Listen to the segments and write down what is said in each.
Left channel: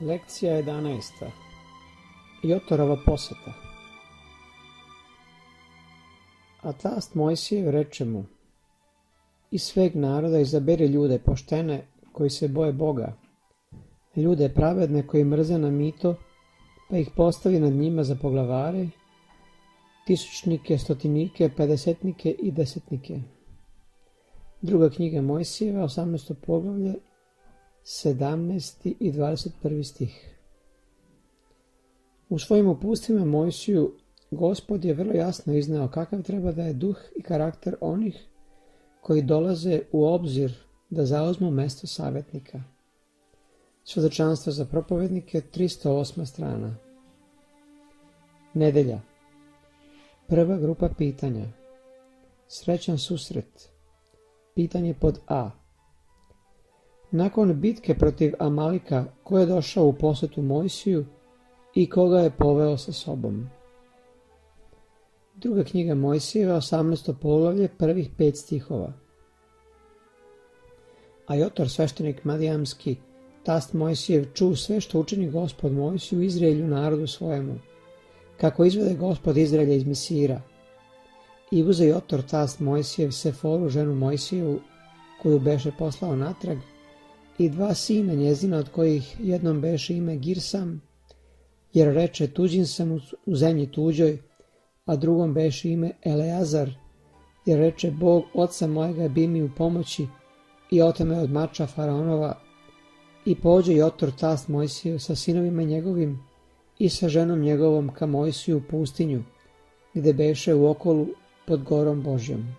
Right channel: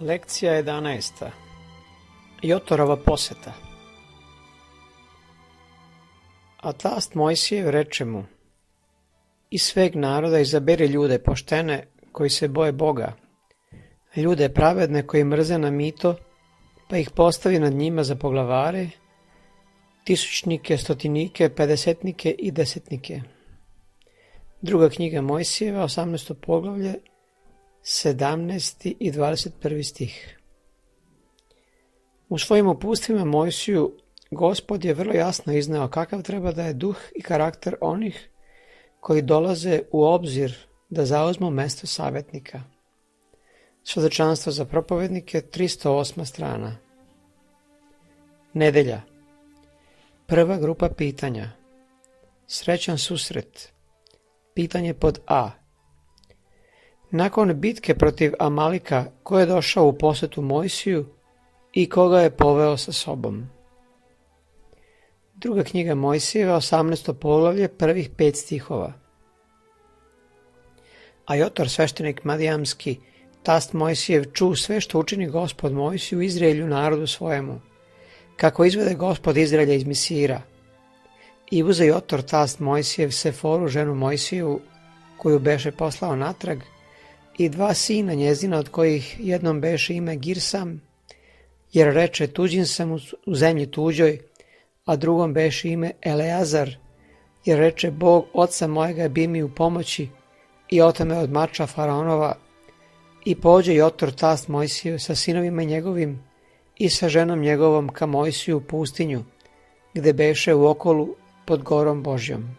Lekcija 11. Jotorova poseta. A tast Mojsijev reče mu: iz sveg naroda izaberi ljude poštene koji se boje Boga, ljude pravedne koji mrze na mito, pa ih postavi nad njima za poglavare, tisućnike, stotinike, pedesetnike i desetnike. Druga knjiga Mojsijeva, 18. poglavlje, 17. i 21. stih. U svojim uputstvima Mojsiju Gospod je vrlo jasno izneo kakav treba da je duh i karakter onih koji dolaze u obzir da zauzmu mesto savjetnika. Svedočanstvo za propovednike, 308. strana. Nedelja. Prva grupa pitanja. Srećan susret. Pitanje pod A. Nakon bitke protiv Amalika, ko je došao u posetu Mojsiju i koga je poveo sa sobom? Druga knjiga Mojsijeva, 18. poglavlje, prvih 5 stihova. A Jotor, sveštenik Madijamski, tast Mojsijev, ču sve što učini Gospod Mojsiju Izraelju, narodu svojemu, kako izvede Gospod Izraelja iz Misira. I uze Jotor, tast Mojsijev, Seforu, ženu Mojsijevu, koju beše poslao natrag, i 2 sina njezina, od kojih jednom beše ime Girsam, jer reče tuđin sam u zemlji tuđoj, a drugom beše ime Eleazar, jer reče Bog oca mojega bi mi u pomoći i otame od mača faraonova. I pođe Jotor, tast Mojsijev, sa sinovima njegovim i sa ženom njegovom ka Mojsiju u pustinju, gde beše u okolu pod gorom Božjom.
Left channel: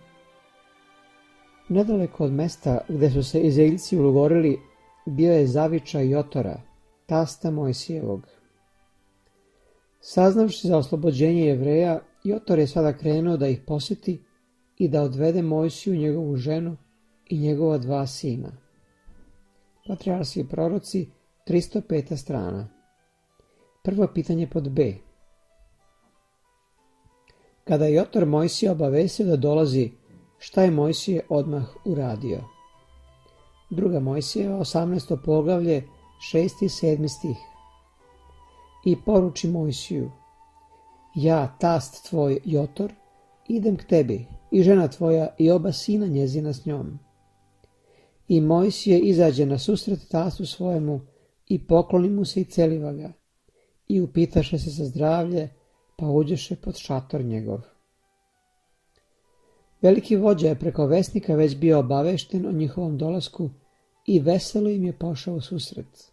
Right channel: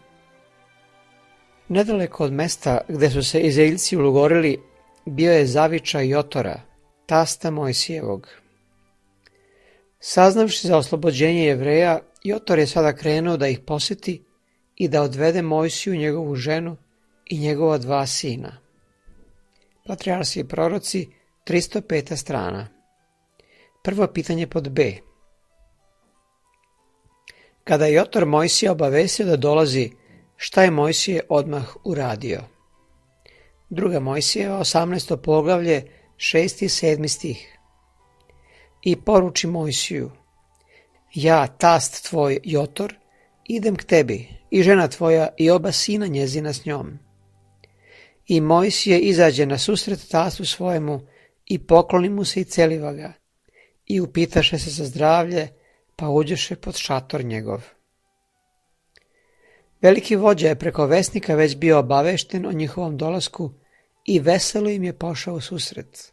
Nedaleko od mesta gde su se Izraeljci ulogorili, bio je zavičaj Jotora, tasta Mojsijevog. Saznavši za oslobođenje Jevreja, Jotor je sada krenuo da ih poseti i da odvede Mojsiju, njegovu ženu i njegova 2 sina. Patrijarsi i proroci, 305. strana. Prvo pitanje pod B. Kada je Jotor Mojsija obavestio da dolazi, šta je Mojsije odmah uradio? Druga Mojsijeva, 18. poglavlje, 6. i 7. stih. I poruči Mojsiju: ja, tast tvoj Jotor, idem k tebi, i žena tvoja i oba sina njezina s njom. I Mojsije izađe na susret tastu svojemu i pokloni mu se i celiva ga, i upitaše se za zdravlje, pa uđeše pod šator njegov. Veliki vođa je preko vesnika već bio obavešten o njihovom dolasku i veselo im je pošao u susret.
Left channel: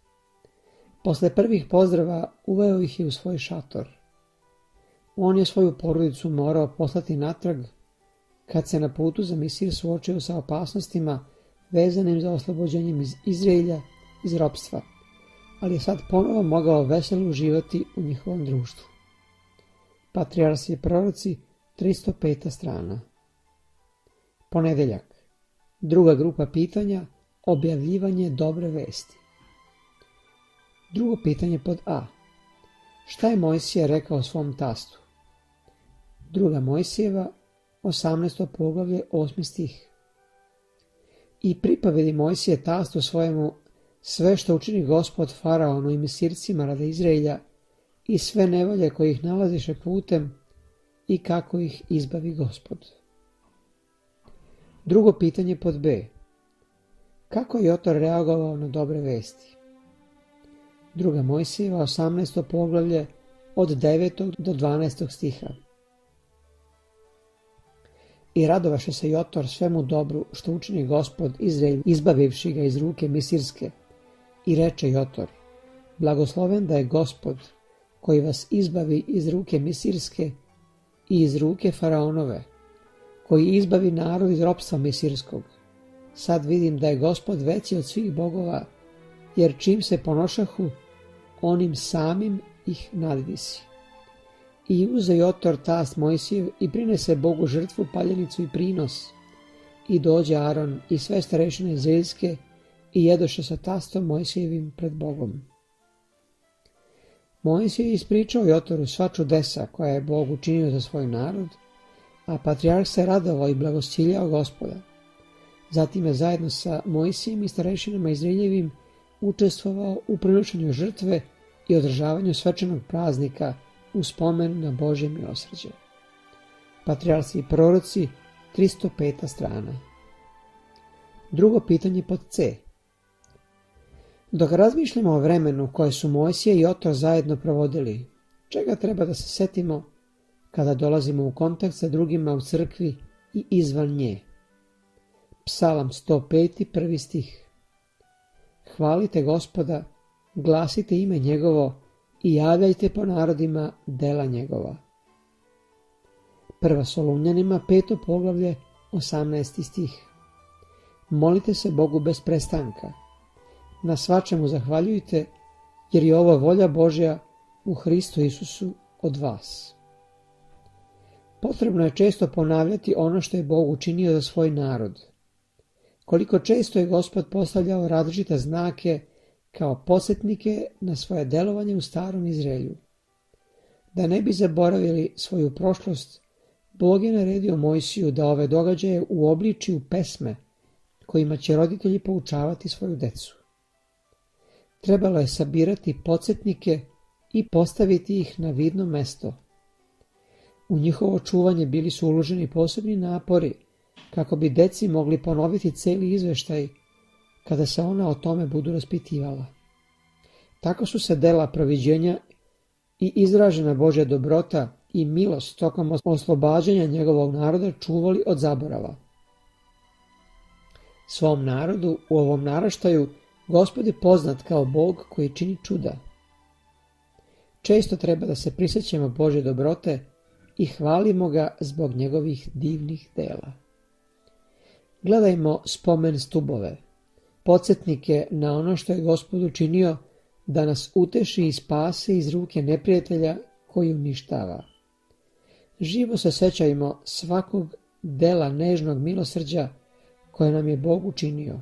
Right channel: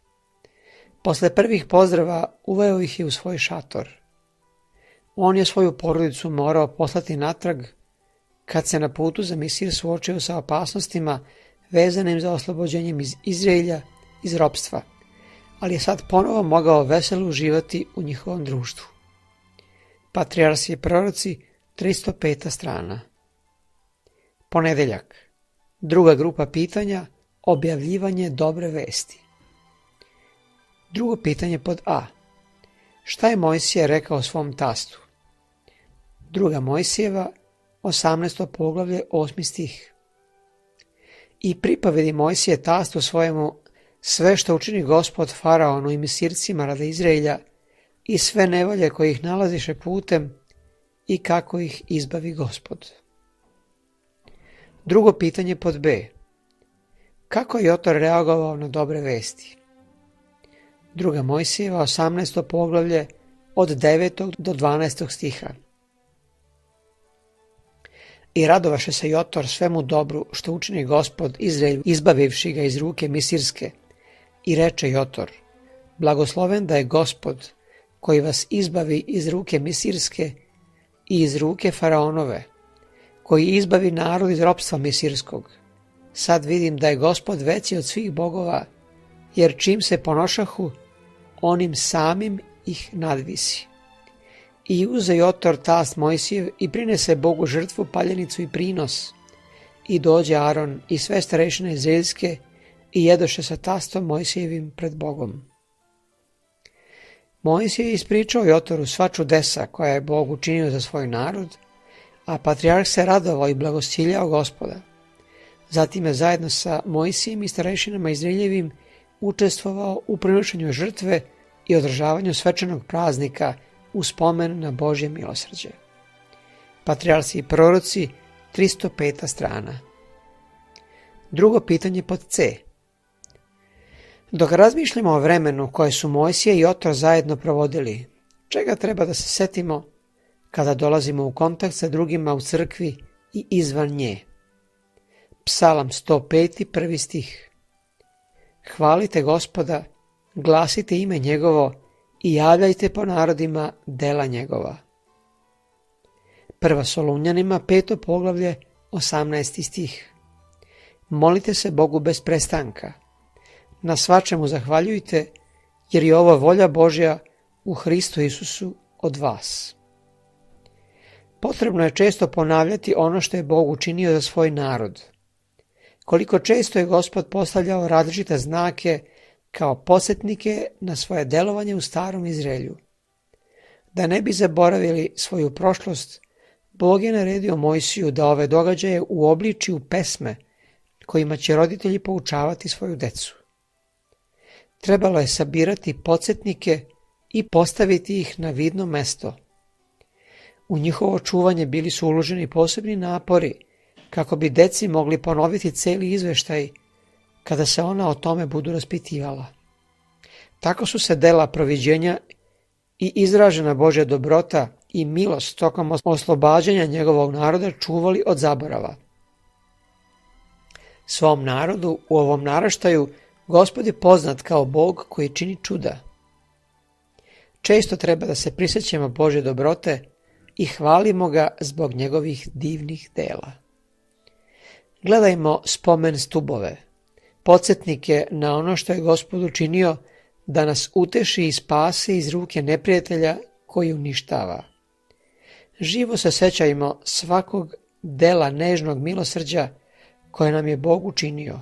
Posle prvih pozdrava uveo ih je u svoj šator. On je svoju porodicu morao poslati natrag kad se na putu za Misir suočio sa opasnostima vezanim za oslobođenjem iz Izraelja iz ropstva, ali je sad ponovo mogao veselo uživati u njihovom društvu. Patrijarsi i proroci, 305. strana. Ponedeljak. Druga grupa pitanja, objavljivanje dobre vesti. Drugo pitanje pod A. Šta je Mojsije rekao svom tastu? Druga Mojsijeva, 18. poglavlje, 8. stih. I pripovedi Mojsije tastu svojemu sve što učini Gospod faraonu i Misircima radi Izraelja i sve nevolje koje ih nalaziše putem i kako ih izbavi Gospod. Drugo pitanje pod B. Kako je Jotor reagovao na dobre vesti? Druga Mojsijeva, 18. poglavlje, od 9. do 12. stiha. I radovaše se Jotor svemu dobru što učini Gospod Izraelju, izbavivši ga iz ruke Misirske. I reče Jotor: blagosloven da je Gospod koji vas izbavi iz ruke Misirske i iz ruke faraonove, koji izbavi narod iz ropstva Misirskog. Sad vidim da je Gospod veći od svih bogova, jer čim se ponošahu, onim samim ih nadvisi. I uze Jotor, tast Mojsijev, i prinese Bogu žrtvu, paljenicu i prinos. I dođe Aron i sve starešine izraelske i jedoše sa tastom Mojsijevim pred Bogom. Mojsije je ispričao Jotoru sva čudesa koja je Bog učinio za svoj narod, a patrijarh se radovao i blagosiljao Gospoda. Zatim je zajedno sa Mojsijem i starešinama Izraeljevim učestvovao u prinošenju žrtve i održavanju svečanog praznika u spomen na Božje milosrđe. Patrijarsi i proroci, 305. strana. Drugo pitanje pod C. Dok razmišljamo o vremenu koje su Mojsije i Jotor zajedno provodili, čega treba da se setimo kada dolazimo u kontakt sa drugima u crkvi i izvan nje? Psalam 105. 1. stih. Hvalite Gospoda, glasite ime njegovo i javljajte po narodima dela njegova. Prva Solunjanima 5. poglavlje 18. stih. Molite se Bogu bez prestanka. Na svačemu zahvaljujte, jer je ovo volja Božja u Hristu Isusu od vas. Potrebno je često ponavljati ono što je Bog učinio za svoj narod. Koliko često je Gospod postavljao različite znake kao podsjetnike na svoje delovanje u starom Izraelju. Da ne bi zaboravili svoju prošlost, Bog je naredio Mojsiju da ove događaje uobliči u pesme kojima će roditelji poučavati svoju decu. Trebalo je sabirati podsjetnike i postaviti ih na vidno mesto. U njihovo čuvanje bili su uloženi posebni napori kako bi deci mogli ponoviti celi izveštaj kada se ona o tome budu raspitivala. Tako su se dela proviđenja i izražena Božja dobrota i milost tokom oslobađanja njegovog naroda čuvali od zaborava. Svom narodu u ovom naraštaju Gospod je poznat kao Bog koji čini čuda. Često treba da se prisjećamo Božje dobrote i hvalimo ga zbog njegovih divnih dela. Gledajmo spomen stubove, podsjetnike na ono što je Gospod učinio da nas uteši i spase iz ruke neprijatelja koji uništava. Živo se sećajmo svakog dela nežnog milosrđa koje nam je Bog učinio,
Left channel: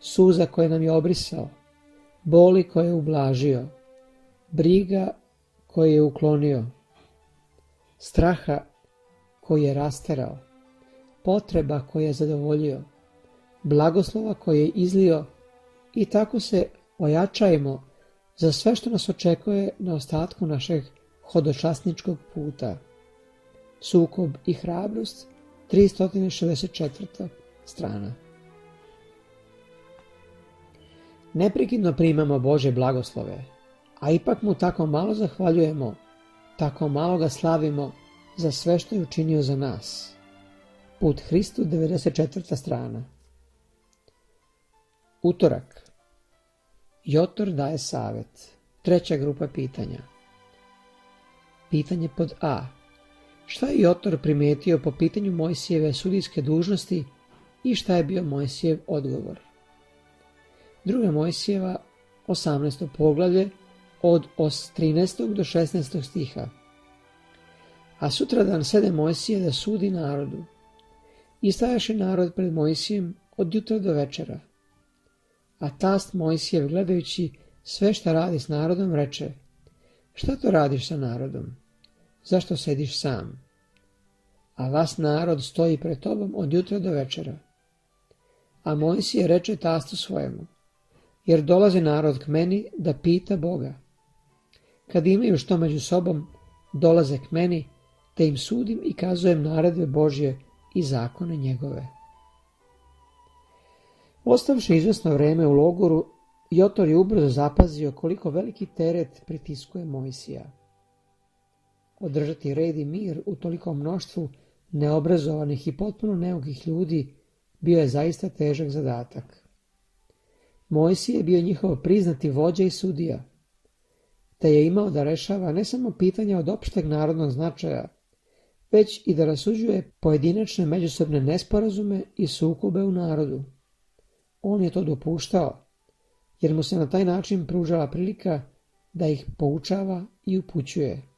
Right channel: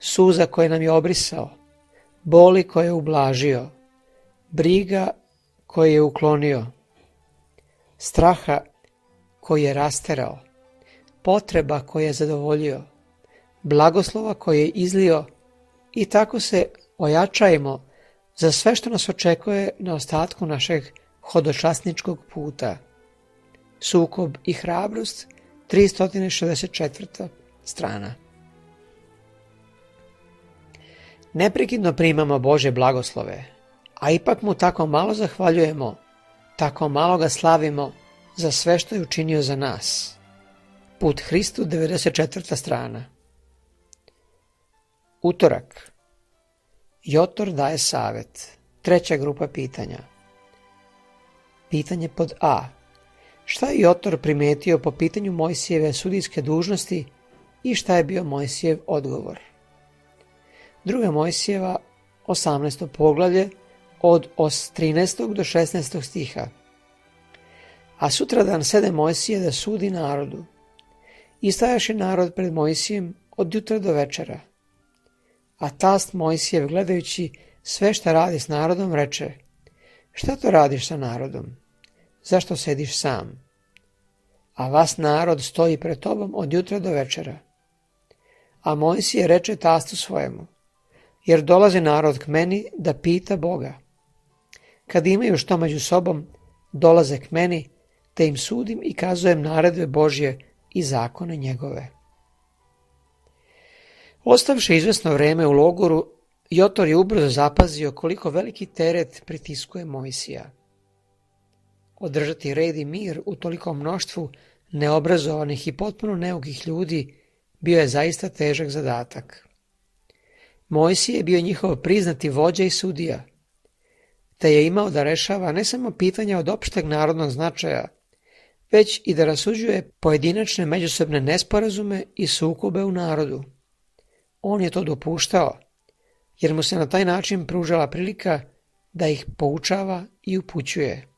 suza koje nam je obrisao, boli koje je ublažio, briga koje je uklonio, straha koji je rasterao, potreba koje je zadovoljio, blagoslova koje je izlio i tako se ojačajmo za sve što nas očekuje na ostatku našeg hodočasničkog puta. Sukob i hrabrost, 364. strana. Neprekidno primamo Božje blagoslove, a ipak mu tako malo zahvaljujemo, tako malo ga slavimo za sve što je učinio za nas. Put Hristu, 94. strana. Utorak. Jotor daje savjet. Treća grupa pitanja. Pitanje pod A. Šta je Jotor primetio po pitanju Mojsijeve sudijske dužnosti i šta je bio Mojsijev odgovor? Druga Mojsijeva, 18. poglavlje, od 13. do 16. stiha. A sutradan sede Mojsije da sudi narodu. I stajaše narod pred Mojsijem od jutra do večera. A tast Mojsijev, gledajući sve šta radi s narodom, reče: šta to radiš sa narodom? Zašto sediš sam? A vas narod stoji pred tobom od jutra do večera. A Mojsije reče tastu svojemu: jer dolazi narod k meni da pita Boga. Kad imaju što među sobom, dolaze k meni, te im sudim i kazujem naredbe Božje i zakone njegove. Ostavši izvesno vreme u logoru, Jotor je ubrzo zapazio koliko veliki teret pritiskuje Mojsija. Održati red i mir u tolikom mnoštvu neobrazovanih i potpuno neukih ljudi bio je zaista težak zadatak. Mojsije je bio njihov priznati vođa i sudija, te je imao da rešava ne samo pitanja od opšteg narodnog značaja, već i da rasuđuje pojedinačne međusobne nesporazume i sukobe u narodu. On je to dopuštao, jer mu se na taj način pružala prilika da ih poučava i upućuje.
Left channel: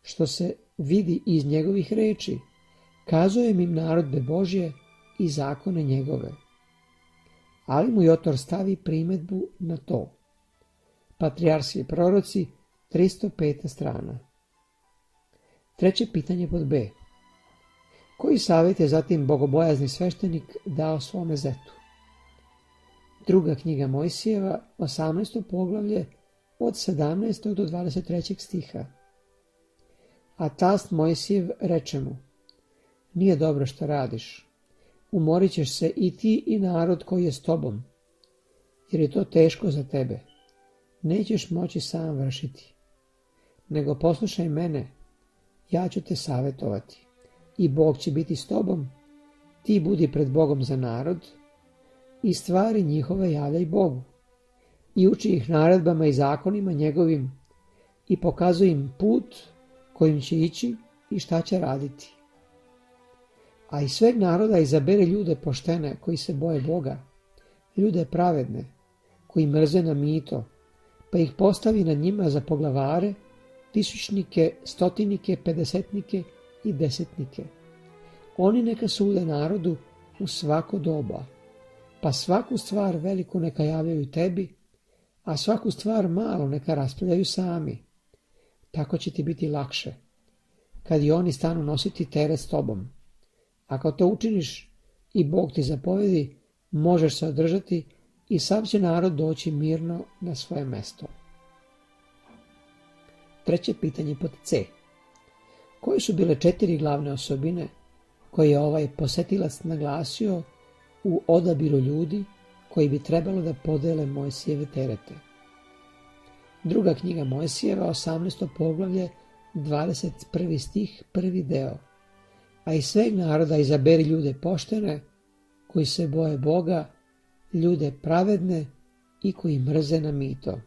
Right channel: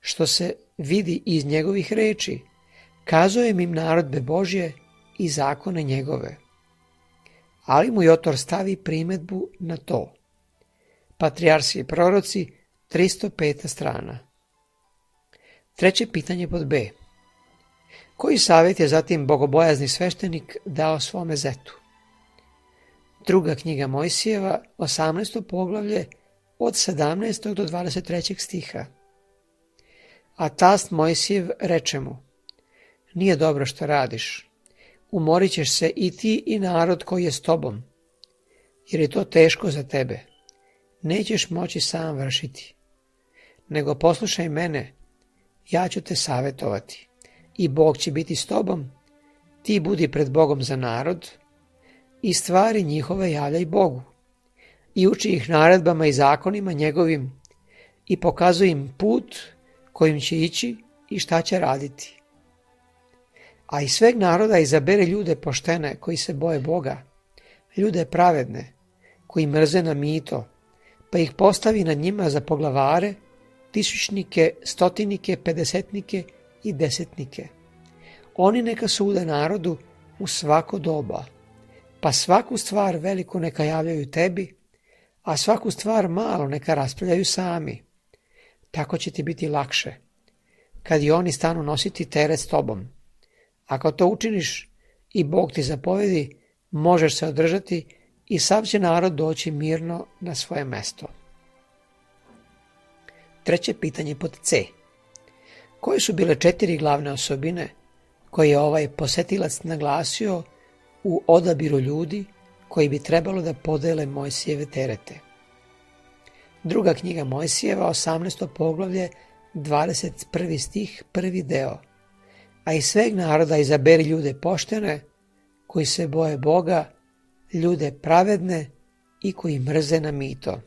Što se vidi iz njegovih reči, kazuje im naredbe Božje i zakone njegove. Ali mu Jotor stavi primedbu na to. Patrijarsi i proroci, 305. strana. Treće pitanje pod B. Koji savjet je zatim bogobojazni sveštenik dao svome zetu? Druga knjiga Mojsijeva, 18. poglavlje, od 17. do 23. stiha. A tast Mojsijev reče mu: nije dobro što radiš, umorit ćeš se i ti i narod koji je s tobom, jer je to teško za tebe, nećeš moći sam vršiti. Nego poslušaj mene, ja ću te savjetovati, i Bog će biti s tobom, ti budi pred Bogom za narod, i stvari njihove javljaj Bogu, i uči ih naredbama i zakonima njegovim, i pokazuj im put kojim će ići i šta će raditi. A iz sveg naroda izabere ljude poštene koji se boje Boga, ljude pravedne koji mrze na mito, pa ih postavi nad njima za poglavare, tisućnike, stotinike, pedesetnike i desetnike. Oni neka sude narodu u svako doba, pa svaku stvar veliku neka javljaju tebi, a svaku stvar malo neka raspravljaju sami. Tako će ti biti lakše, kad i oni stanu nositi teret s tobom. Ako to učiniš i Bog ti zapovedi, možeš se održati i sav će narod doći mirno na svoje mesto. Treće pitanje pod C. Koje su bile 4 glavne osobine koje je ovaj posetilac naglasio u odabiru ljudi koji bi trebalo da podele Mojsijeve terete? Druga knjiga Mojsijeva, 18. poglavlje, 21. stih, prvi deo. A iz sveg naroda izaberi ljude poštene, koji se boje Boga, ljude pravedne i koji mrze na mito.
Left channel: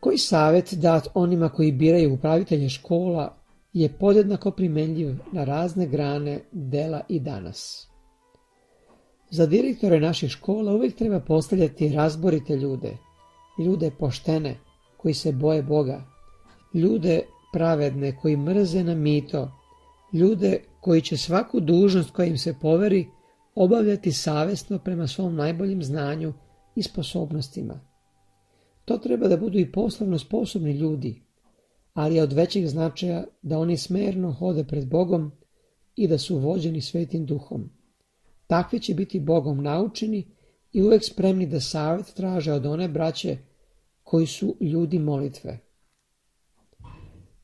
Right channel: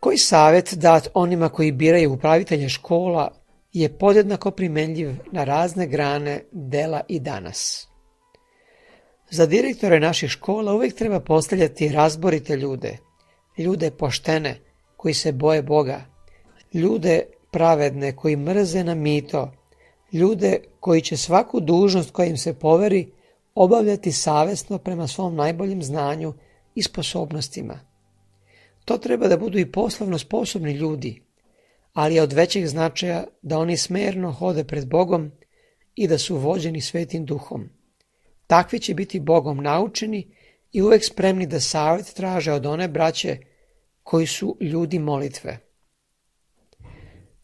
Koji savjet dat onima koji biraju upravitelja škola je podjednako primenljiv na razne grane dela i danas. Za direktore naših škola uvijek treba postavljati razborite ljude, ljude poštene koji se boje Boga, ljude pravedne koji mrze na mito, ljude koji će svaku dužnost koja im se poveri obavljati savjesno prema svom najboljem znanju i sposobnostima. To treba da budu i poslovno sposobni ljudi, ali je od većeg značaja da oni smerno hode pred Bogom i da su vođeni Svetim Duhom. Takvi će biti Bogom naučeni i uvek spremni da savjet traže od one braće koji su ljudi molitve.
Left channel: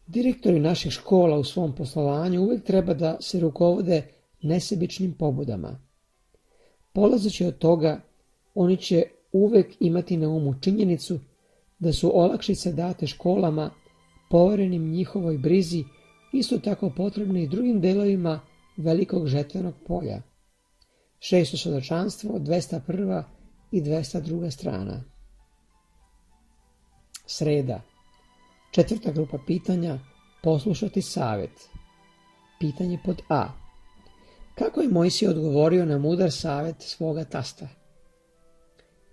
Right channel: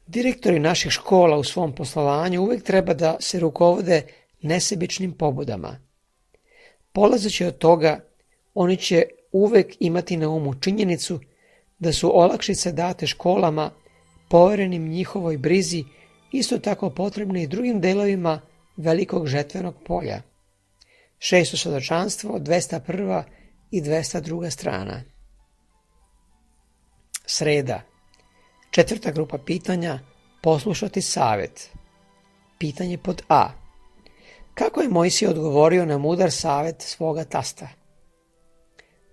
Direktori naših škola u svom poslovanju uvek treba da se rukovode nesebičnim pobudama. Polazeći od toga, oni će uvek imati na umu činjenicu da su olakšice date školama, poverenim njihovoj brizi, isto tako potrebne i drugim delovima velikog žetvenog polja. 6. svjedočanstvo, 201. i 202. strana. Sreda. 4. grupa pitanja, poslušati savjet. Pitanje pod A. Kako je Mojsije odgovorio na mudar savjet svoga tasta?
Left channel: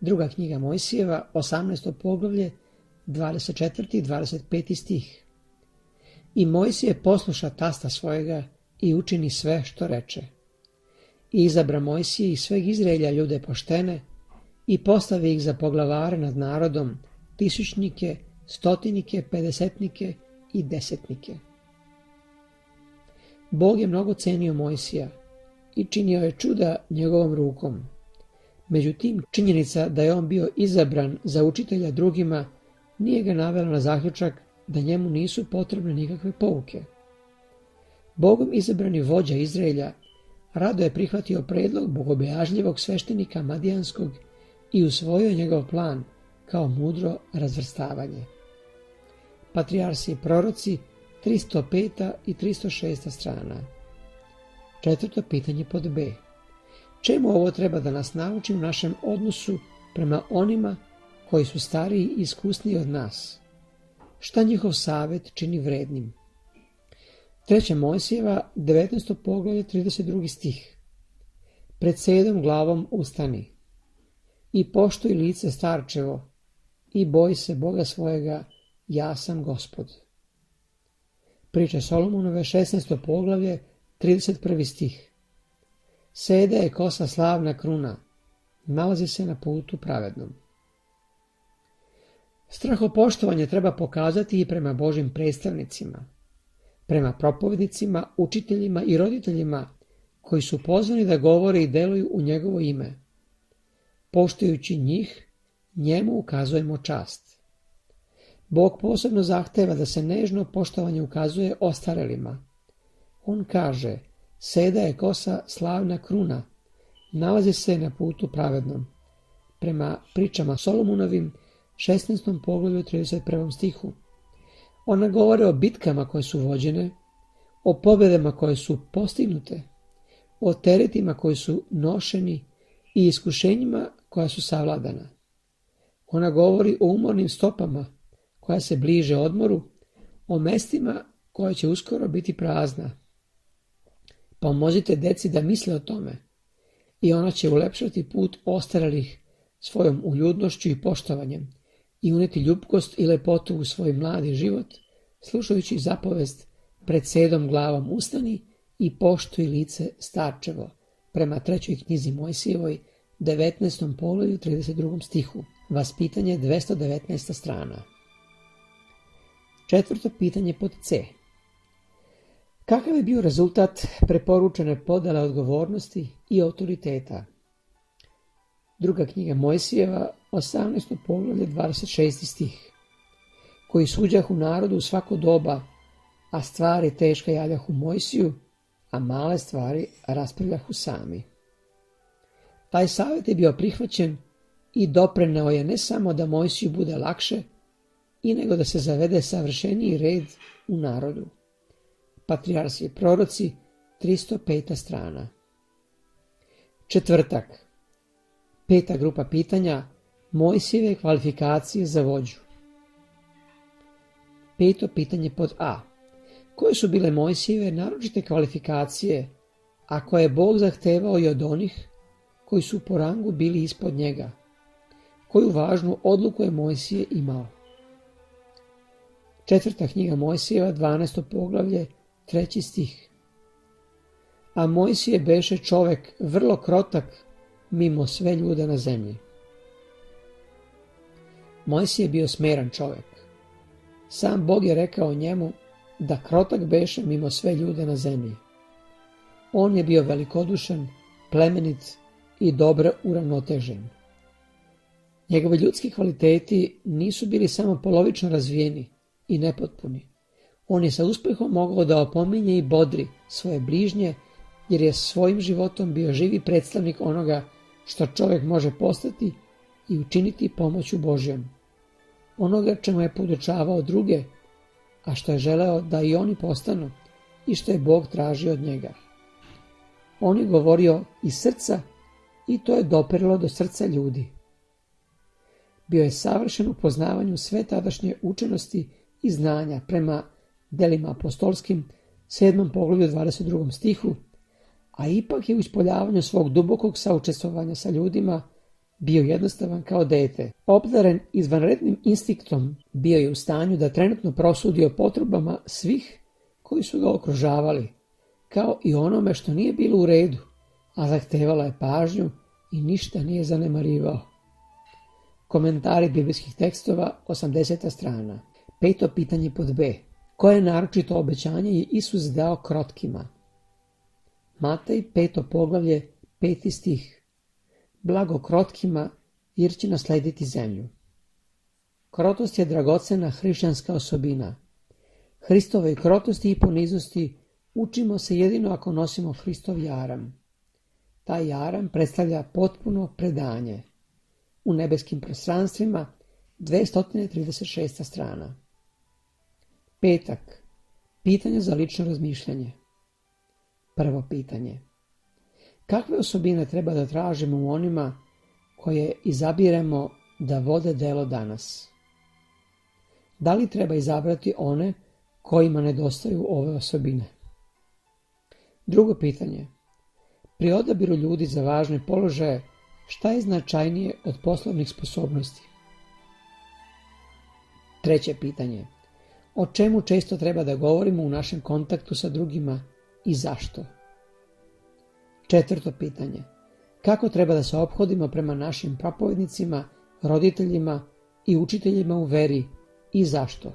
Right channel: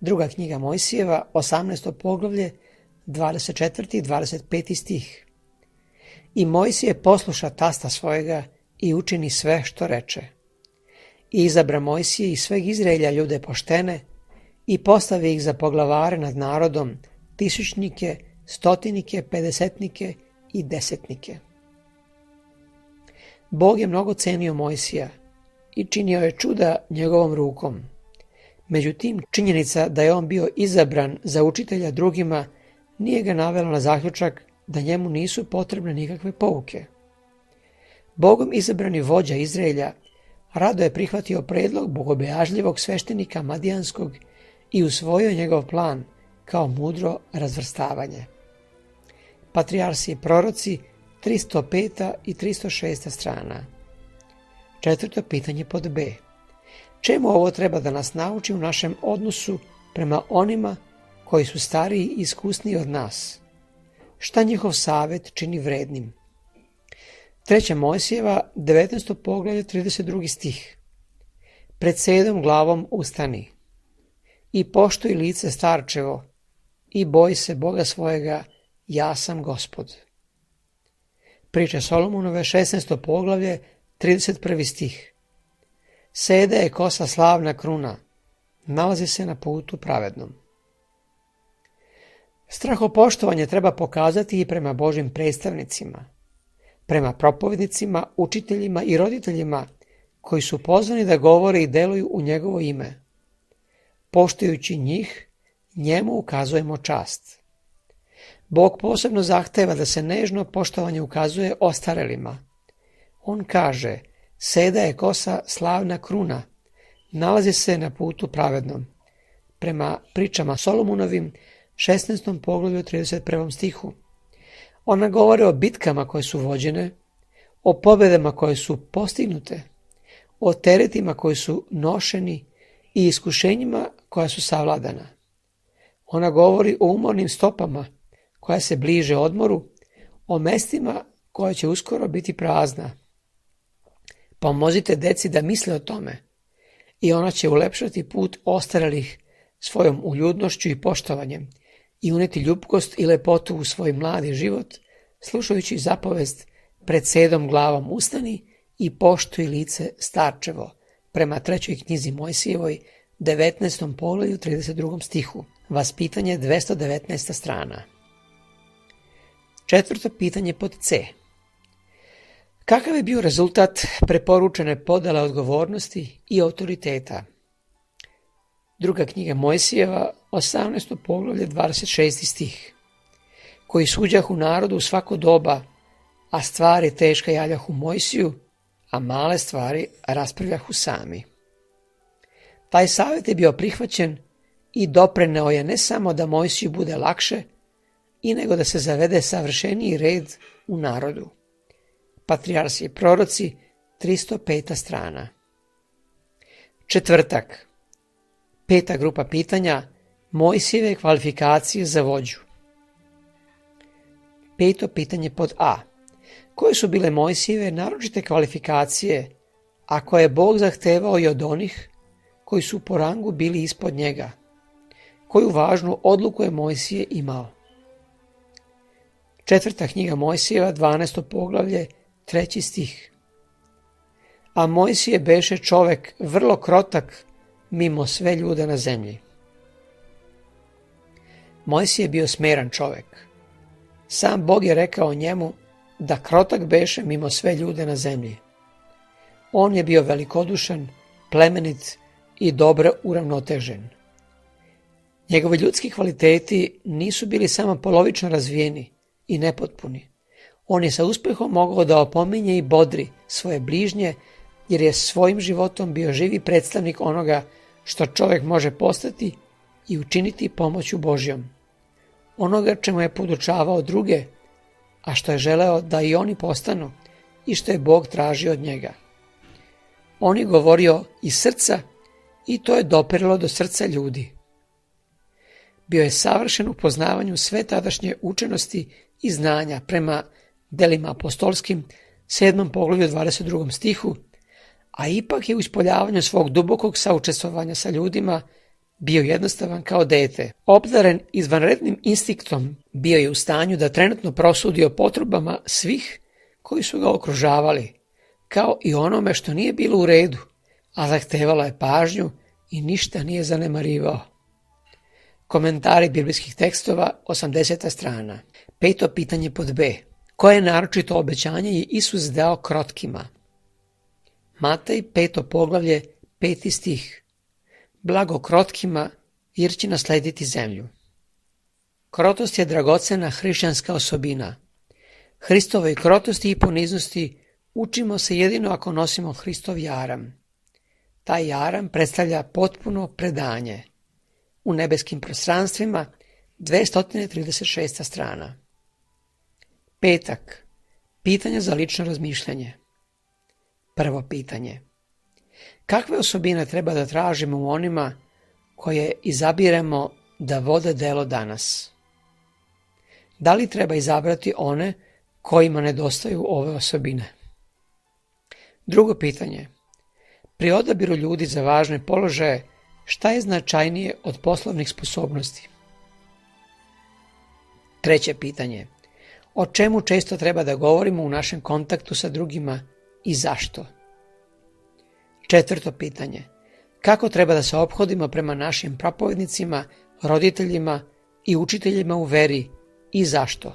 Druga knjiga Mojsijeva, 18. poglavlje, 24. i 25. stih. I Mojsije posluša tasta svojega i učini sve što reče. I izabra Mojsije i sveg Izraelja ljude poštene i postavi ih za poglavare nad narodom, tisućnike, stotinike, pedesetnike i desetnike. Bog je mnogo cenio Mojsija i činio je čuda njegovom rukom. Međutim, činjenica da je on bio izabran za učitelja drugima nije ga navela na zaključak da njemu nisu potrebne nikakve pouke. Bogom izabrani vođa Izraelja rado je prihvatio predlog bogobojažljivog sveštenika Madijanskog i usvojio njegov plan kao mudro razvrstavanje. Patrijarsi i proroci, 305. i 306. strana. 4. pitanje pod B. Čemu ovo treba da nas nauči u našem odnosu prema onima koji su stariji i iskusniji od nas? Šta njihov savjet čini vrednim? 3. Mojsijeva, 19. poglavlje, 32. stih. Pred sedom glavom ustani i poštuj lice starčevo i boj se Boga svojega, ja sam Gospod. Priče Solomonove, 16. poglavlje, 31. stih. Seda je kosa slavna kruna, nalazi se na putu pravednom. Strahopoštovanje treba pokazati i prema Božjim predstavnicima, prema propovednicima, učiteljima i roditeljima koji su pozvani da govore i deluju u njegovo ime. Poštujući njih, njemu ukazujemo čast. Bog posebno zahteva da se nežno poštovanje ukazuje ostarelima. On kaže, seda je kosa slavna kruna, nalazi se na putu pravednom. Prema pričama Solomonovim, 16. poglavlju 31. stihu. Ona govore o bitkama koje su vođene, o pobjedama koje su postignute, o teretima koji su nošeni i iskušenjima koja su savladana. Ona govori o umornim stopama koja se bliže odmoru, o mestima koja će uskoro biti prazna. Pomozite deci da misle o tome i ona će ulepšati put ostarelih svojom uljudnošću i poštovanjem i uneti ljubkost i lepotu u svoj mladi život, slušajući zapovest pred sedom glavom ustani i poštuj lice starčevo, prema 3. knjizi Mojsijevoj, 19. poglavlju 32. stihu. Vaspitanje 219. strana. 4. pitanje pod C. Kakav je bio rezultat preporučene podele odgovornosti i autoriteta? 2. knjiga Mojsijeva, 18. poglavlje 26. stih. Koji suđahu narodu u svako doba, a stvari teška javljahu Mojsiju, a male stvari raspravljahu sami. Taj savjet je bio prihvaćen i doprineo je ne samo da Mojsiju bude lakše, i nego da se zavede savršeniji red u narodu. Patrijarsi i proroci, 305. strana. 4. 5. grupa pitanja, Mojsijeve kvalifikacije za vođu. 5. pitanje pod A. Koje su bile Mojsijeve naročite kvalifikacije, a koje je Bog zahtevao i od onih koji su po rangu bili ispod njega? Koju važnu odluku je Mojsije imao? 4. knjiga Mojsijeva, 12. poglavlje, 3. stih. A Mojsije beše čovek vrlo krotak mimo sve ljude na zemlji. Mojsije je bio smeran čovek. Sam Bog je rekao njemu da krotak beše mimo sve ljude na zemlji. On je bio velikodušan, plemenit i dobro uravnotežen. Njegovi ljudski kvaliteti nisu bili samo polovično razvijeni i nepotpuni. On je sa uspehom mogao da opominje i bodri svoje bližnje, jer je svojim životom bio živi predstavnik onoga što čovjek može postati i učiniti pomoću Božjom. Onoga čemu je podučavao druge, a što je želeo da i oni postanu i što je Bog tražio od njega. On je govorio iz srca i to je dopiralo do srca ljudi. Bio je savršen u poznavanju sve tadašnje učenosti i znanja prema delima apostolskim, 7. poglavlju 22. stihu, a ipak je u ispoljavanju svog dubokog saučestvovanja sa ljudima bio jednostavan kao dete. Obdaren izvanrednim instinktom, bio je u stanju da trenutno prosudi o potrebama svih koji su ga okružavali, kao i onome što nije bilo u redu, a zahtevalo je pažnju i ništa nije zanemarivao. Komentari biblijskih tekstova, 80. strana. 5. pitanje pod B. Koje naročito obećanje je Isus dao krotkima? Matej, 5. poglavlje, 5. stih. Blago krotkima, jer će naslediti zemlju. Krotost je dragocena hrišćanska osobina. Hristovoj krotosti i poniznosti učimo se jedino ako nosimo Hristov jaram. Taj jaram predstavlja potpuno predanje. U nebeskim prostranstvima, 236. strana. 5. Pitanja za lično razmišljanje. Prvo pitanje. Kakve osobine treba da tražimo u onima koje izabiremo da vode delo danas? Da li treba izabrati one kojima nedostaju ove osobine? Drugo pitanje. Pri odabiru ljudi za važne položaje, šta je značajnije od poslovnih sposobnosti? Treće pitanje. O čemu često treba da govorimo u našem kontaktu sa drugima i zašto? Četvrto pitanje. Kako treba da se ophodimo prema našim propovednicima, roditeljima i učiteljima u veri i zašto?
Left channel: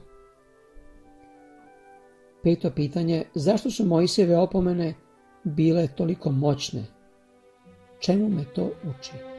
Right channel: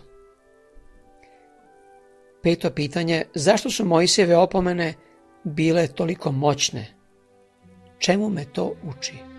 Peto pitanje. Zašto su Mojsijeve opomene bile toliko moćne? Čemu me to uči?